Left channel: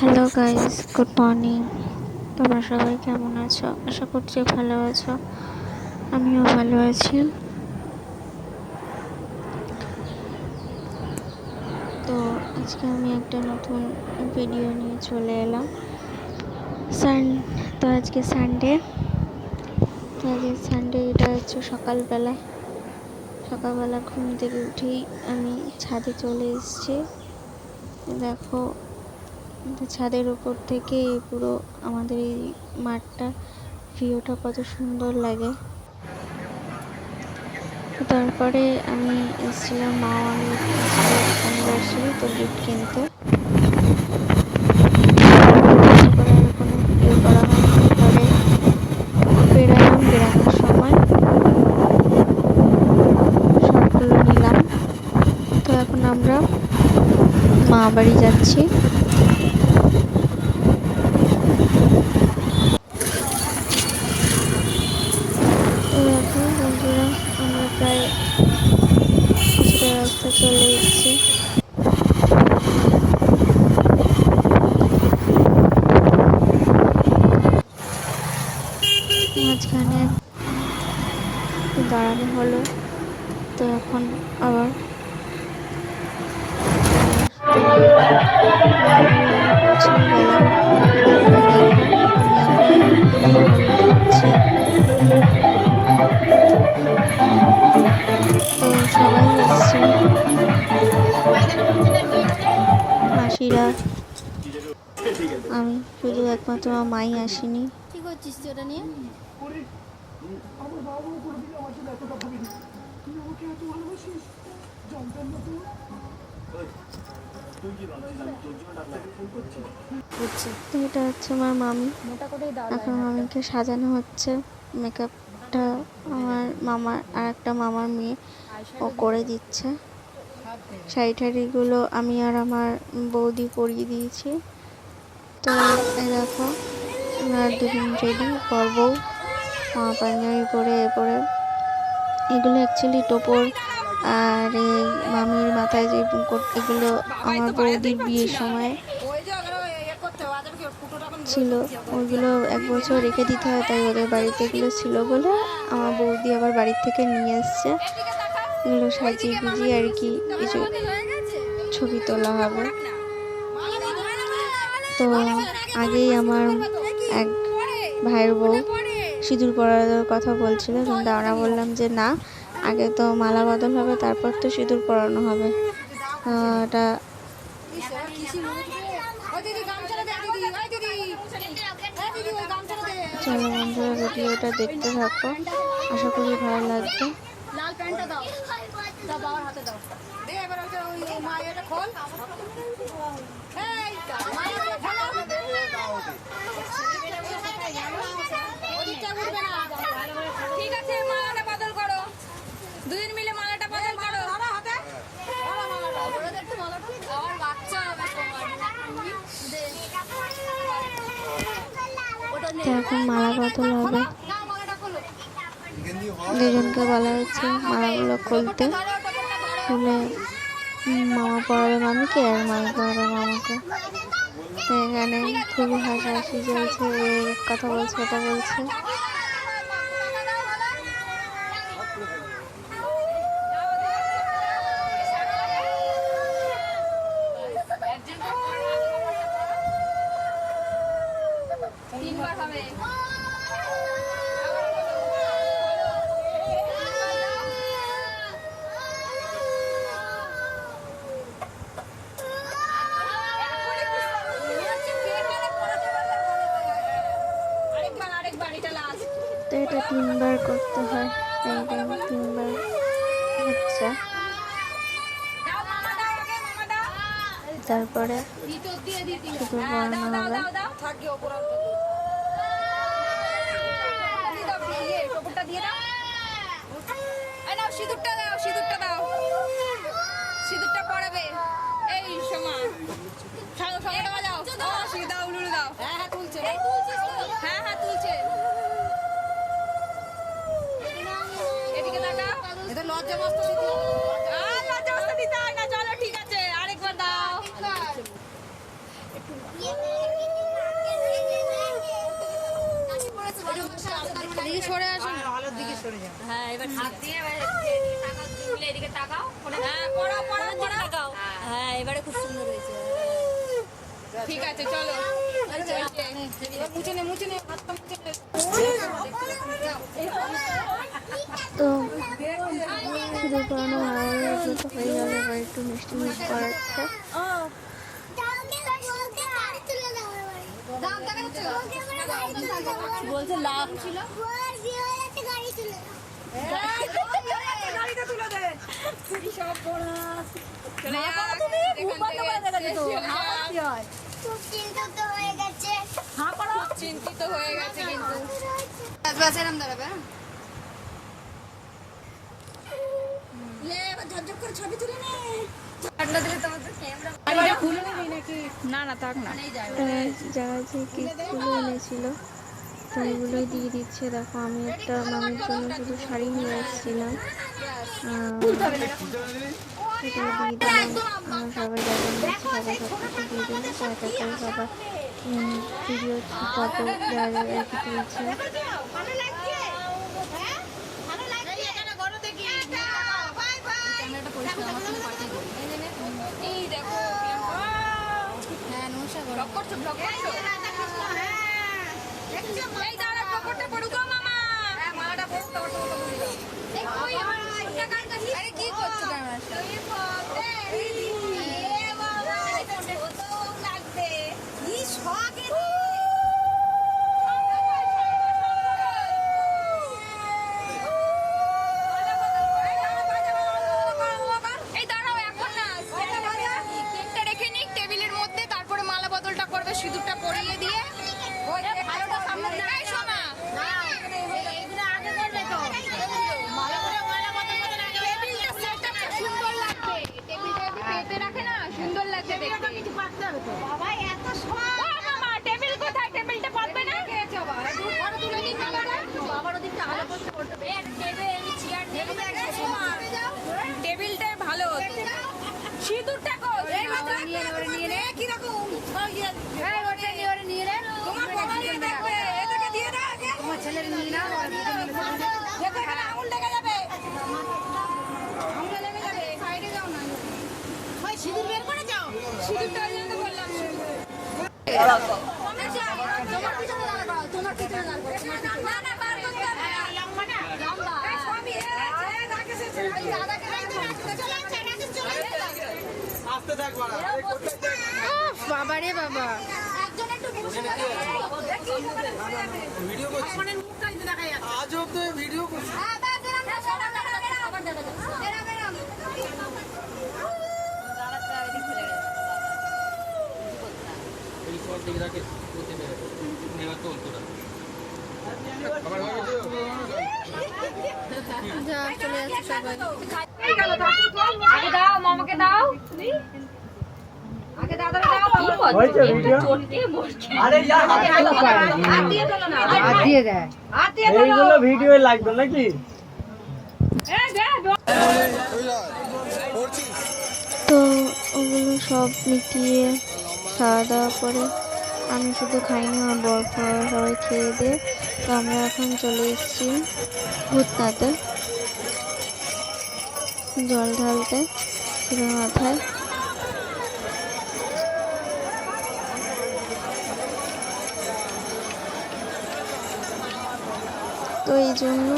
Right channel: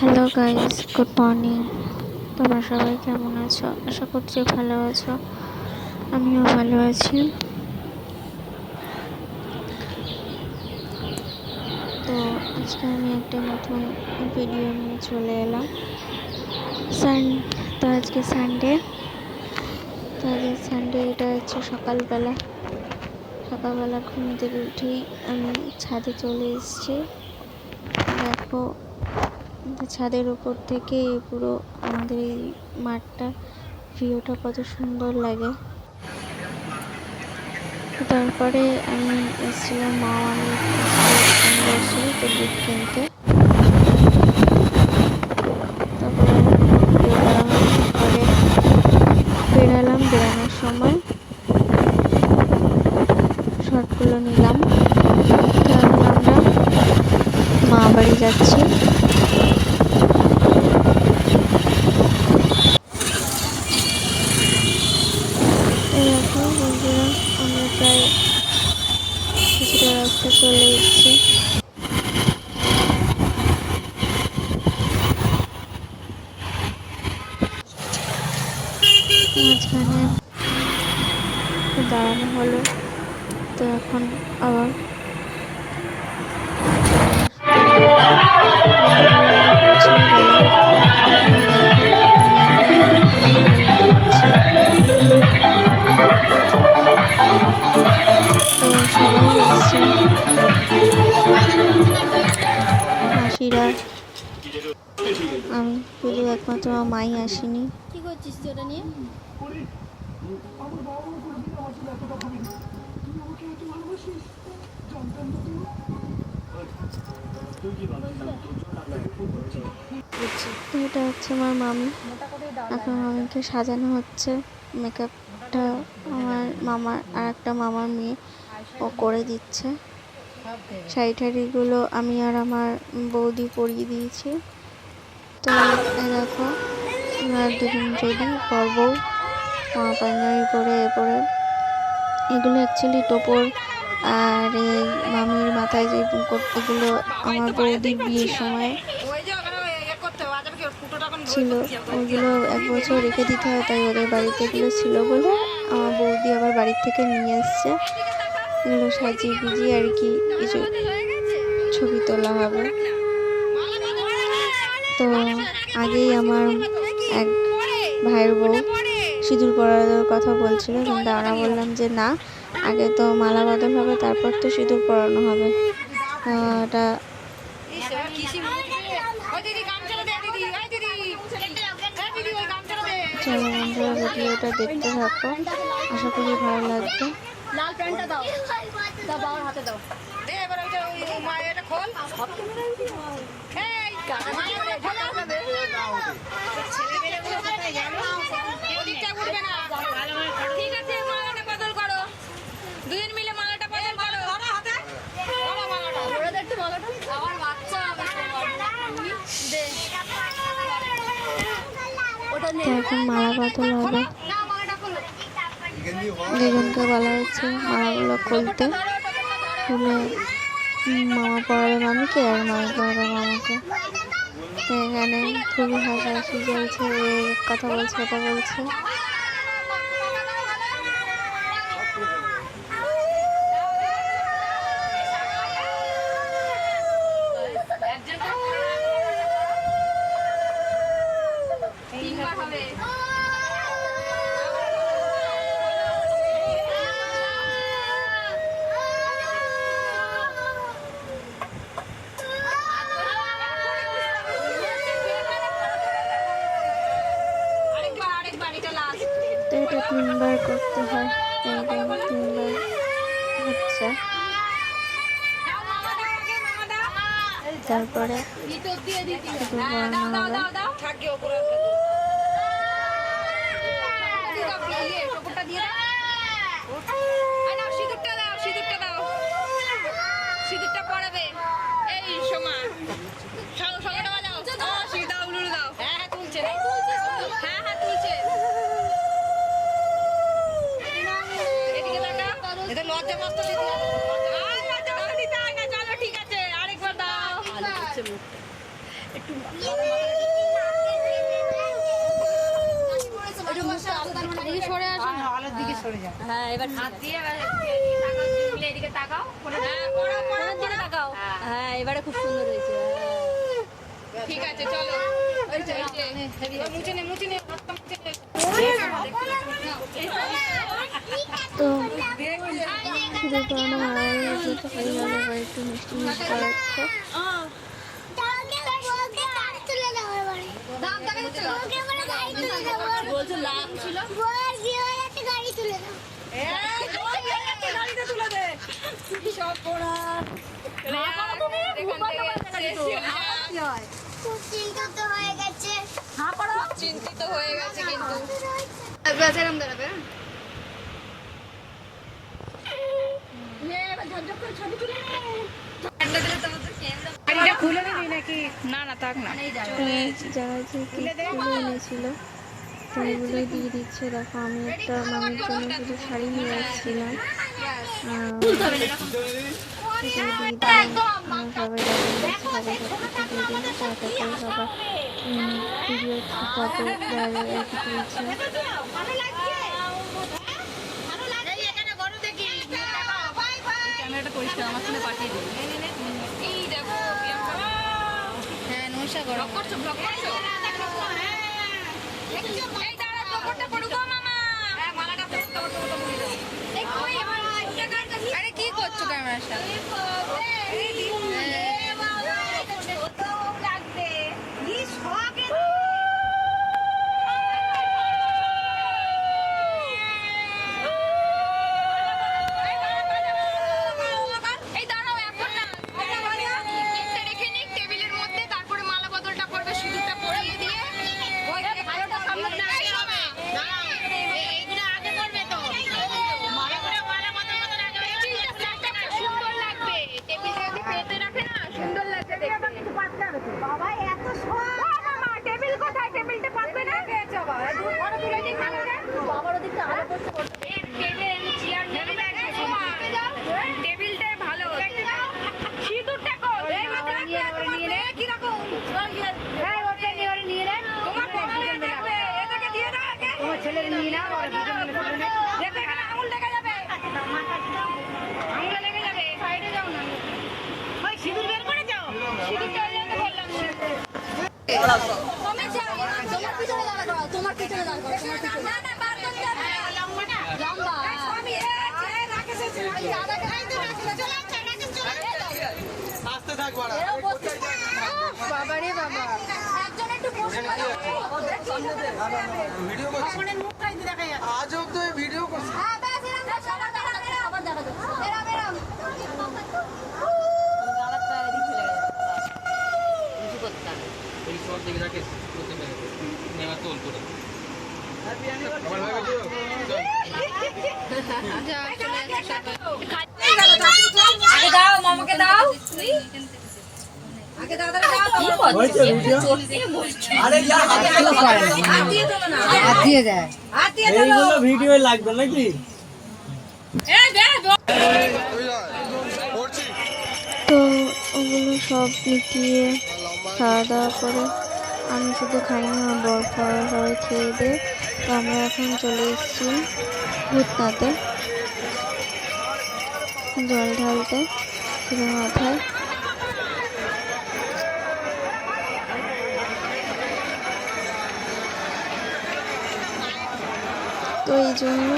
Hello guys, good morning. তোমরা সবাই কেমন আছো? আশা করছি ভালো আছো। আমিও ভালো আছি। তো আজকে আমি একটা নতুন ভিডিও নিয়ে চলে এলাম। তো আজকে সানডে। এটা হচ্ছে সকালবেলা ঘুম থেকে উঠেই আমি ছাদে চলে এসেছি। দেখো, ছাদের উপর থেকে পুরো আমাদের এই মাঠটা ভিউটা কত সুন্দর লাগে। তারপরে আমি এসেছিলাম, আমি অ্যানিভার্সারি তো গিফট কিনতে। তারপরে আর কোনো ভিডিও করা হয়নি। এরপরে বেরানোর সময় শর্টগুলো নিলাম। তো এখন আমরা মা বাড়ি যাচ্ছি। দেখো বন্ধুরা, আমরা প্রায় কিছুটা রাস্তা চলে এসেছি। মাঝখানে দাঁড়ানো হলো, তো এখন আবার পৌঁছে গেলাম। তো সবাই এসছে, মাসিরা, আমি শুধু একমাত্র মাই আসিনি। কি করছিস সেটা নিয়ে? এটা হচ্ছে আমার মামি। এখন মামিকে সাজানো হচ্ছে। মেকআপটা আমার মামার আর একটা মামার মেয়ে ও করে দিচ্ছে। শাড়িগুলো আমি আর আমার বৌদি পরিয়ে দিয়েছি। তো এই দেখো, আমরা দুজন রেডি, বর বউ, পাঞ্জাবি পরে এগুলো অ্যাকচুয়ালি টোপর। আর এই মামির মাথায় যে মুকুট, এগুলো আমার বৌদির বিয়ের সময় ছিল। ওইগুলো 1 বছর রেখে দিতে হয়, তাই ওদের বাড়িতে এগুলো ছিল বলে আমার বৌদি আবার বাড়ির থেকে নিয়ে এসছে। এগুলো সাজিয়ে গুজিয়ে আর কি কিছু ছবি তোলা হবে। তো আগেই আমার এক ভাইয়ের বউ সিঁদুর পরানোর কথা বলছিল, কিন্তু আমরা বললাম যে না, আগে তো মালা বদল হবে, তারপর তো সিঁদুর পরানো হবে। এটা চলো বন্ধুরা, ভিডিওটা দেখতে থাকো, আশা করি ভালো লাগবে। তো এখন মালা বদল হবে। দুজনকে বলা হয়েছে মালাগুলো খুলতে। খুলে মামা পড়াবে মামিকে আর মামি পড়াবে মামাকে। তো এখানে খুবই হাসাহাসি চলছে, কথা বলছে, এটা বলছে। তো এটা 3বার করতে হয়, তাই 3বার হচ্ছে। তারপরে শুধু পড়ানো হবে। লজ্জা বস্তা দিতে হয় না, চলো ঠিক আছে, আরেকবার দাও একটু এদিকে সরে আসো না। হ্যাঁ এবার এদিকে তাকাও, পরের দিকে তাকাও। হ্যাঁ এবারে খুব সুন্দর হয়েছে। ঠিক আছে চলো। তো শুধু করানো ভালো লাগছে, তো হয়ে গেল। এবার একটু মিষ্টি মিষ্টি করাচ্ছে। চিন্তিত হয়ে গেছে কিন্তু না না থাক না। যারা যে কেকগুলো এনেছিল তো এগুলোই দিয়ে দিচ্ছে। দেখো আমি একটা মামির জন্য শুধু শাড়ি নিয়ে এসেছিলাম, সেটা দিয়ে দিলাম। আর সবাই যাদের নিচ্ছে সবাই সব কিছু দিয়ে দিলাম। তো এক এক করে সবার ভিডিও ফটো যারা যারা আর কি তুলছে। হ্যাঁ নমস্কার করো। আরে কি করছো ক্যামেরার সাথে? টেবিলটাই ভালো সিঁদুরটা কিরকম তোমার বড় মেয়ে দেখবে, এটাকে দিয়ে দাও আগে। তোমার ছেলে নিয়ে নাও, দেখো এখানে আঙুল লেগে যাবে, আঙুলে লেগে যাবে। সাইডে যাও না, ওই সিঁদুর বের করে যাও। সিঁদুরটা ওই জন্য বললাম তোমার পিছনে লাগবে। না না তার পিছনে লম্বা না, লম্বা আমি রাকেশ আস্তে থাক বাড়া বাবারে বাবা ভিডিও করছি আজও তো ভিডিও করছি এই সব দিকে রাখে করতে পারে নেওয়া তোল তোরা যা চলে যাচ্ছে সবাই। আগে দাও মামাকে দাও, আগে দাও দাও হয়েছে ভিডিও আরে ইয়ার হাতে হাত দিয়ে দেয়, হাত দিয়ে দাও। এইগুলো ভিডিও লাগবে নাকি তো ওগুলো সব মিটিয়ে খাওয়া দাওয়া করে আমি শুধু খাইনি, আমার বর খাওয়া সবাই খেয়ে দিয়ে তো আমরা এখন চলে এসেছি ভূতনাথে জল ঢালতে শিবের মাথায়। তো এই জন্য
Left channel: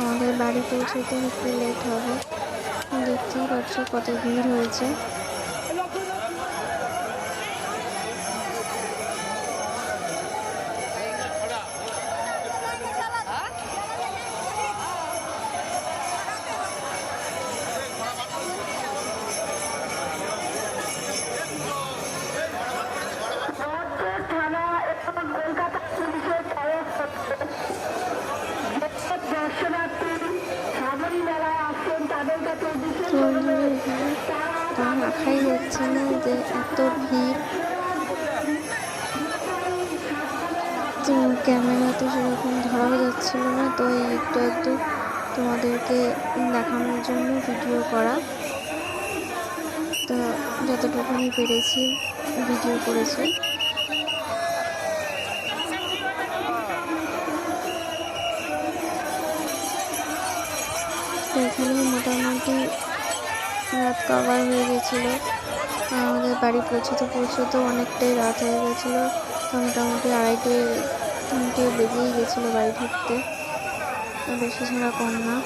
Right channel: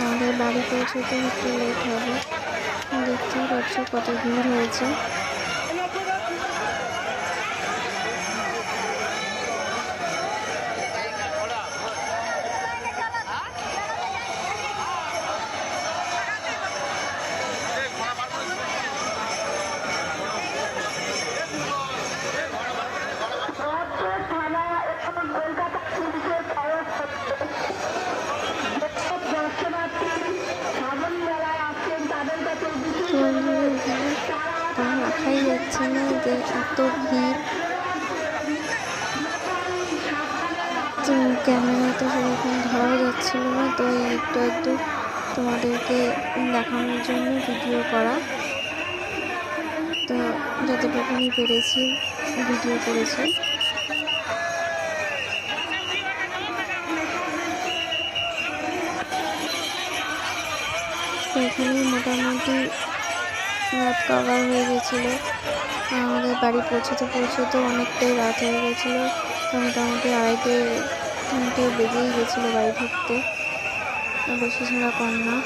আমাদের বাড়ি পৌঁছতে একটু লেট হবে। দেখতেই পাচ্ছ কত ভিড় হয়েছে। তো বন্ধুরা এখানে পা রাখাই যাচ্ছে না, যে এত ভিড়। তো ক্যামেরা তো সেরকম ধরাও যাচ্ছিল না, তো এই একটু একটু তোমাদেরকে দেখানোর জন্য ভিডিও করা। তো যতটুকুনি পেরেছি ভিডিও করেছি। তো এখানে মোটামুটি রাত কভার হয়ে গেছিলো। আমাদের বাড়ি পৌঁছতে অনেকটাই রাত হয়ে গেছিলো। তো মোটামুটি 2:30-3টে বেজেই গেছিলো বাড়ি ঢুকতে, বেশি ছাড়া কম না।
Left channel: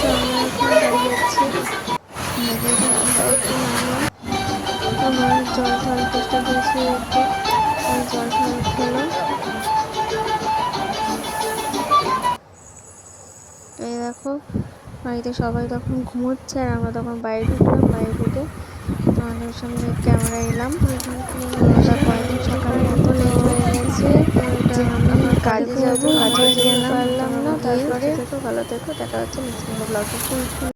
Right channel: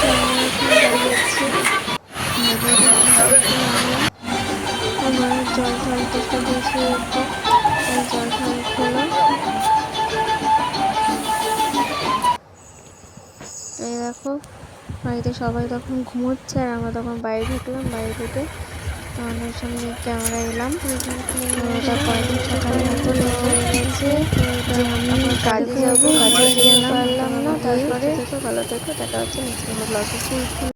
তো আমরা এখন বাড়ি যাচ্ছি। দেখে রাস্তায় একটু নামলাম। আমার জল ঠল চেষ্টা দিয়েছি একটু, তাই জল ঠল খেলো। এই দেখো বাড়িতে সবাই তখন ঘুমোচ্ছে আর আমরা তখন বাইরে ঢুকলাম। বাইরে ঢুকে তোমাদের সামনে ক্যামেরা এলাম। কয়েকদিন সকালে এত লেট হয়ে গেছে যে আমি কাজে যাবো, কাজে যেতে পারলাম না। তারপরে ভালো থেকো, দেখা হচ্ছে নেক্সট ব্লগে। ফুল